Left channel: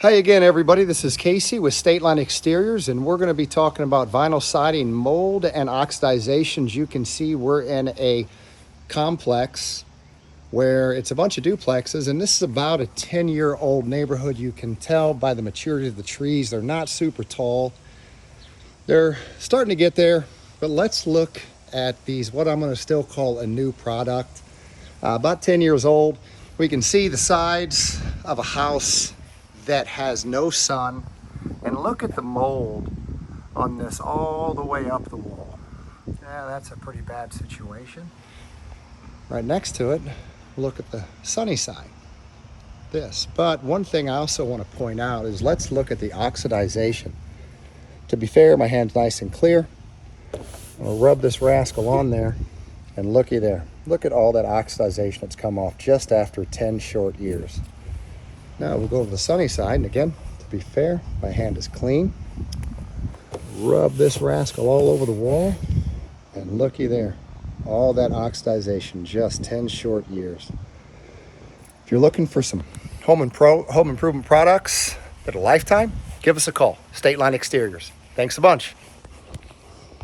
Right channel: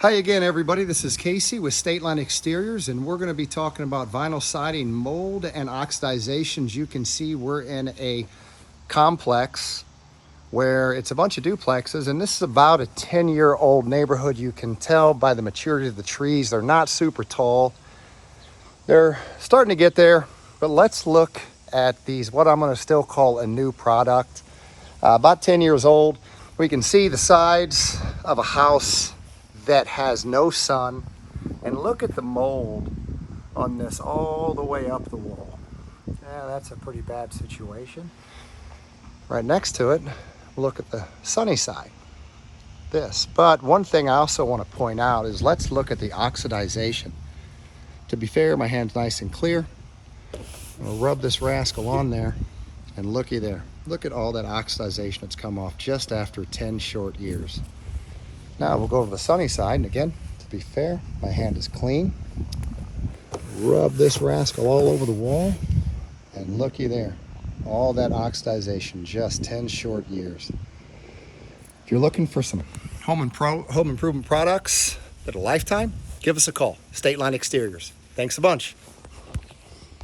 Hi again, everybody. This is Casey with State Line Exteriors, and we're going to be talking about vinyl siding mold and oxidization. As you can see, we're in a complex where it's a bunch of duplexes, and this is about a 10-year-old neighborhood. You can tell by the maturity of the trees. They're not super tall. They're starting to get there, but let's look at these, what I'm going to still call a new product. About 10 years old. We can see the sides of a house that has no sun, and look at the mold on this all the way up the wall. Yeah, that's a pretty bad situation. Right next to it, look at the sunny side, this. But one thing I also want to point out is let's look at the oxidization. To be fair, my hand's nice and clear. I'll rub this rascal on there, and looky there. Look at all that oxidization that's come off just after 10 short years. Now we'll go to the sunny side, and again, to be fair, my hand is clean. Rub this rascal all over the wall, and looky there. All that oxidization, just 10 short years. If you're looking for some home improvement products that are lifetime, give us a call. State Line Exteriors. Thanks a bunch.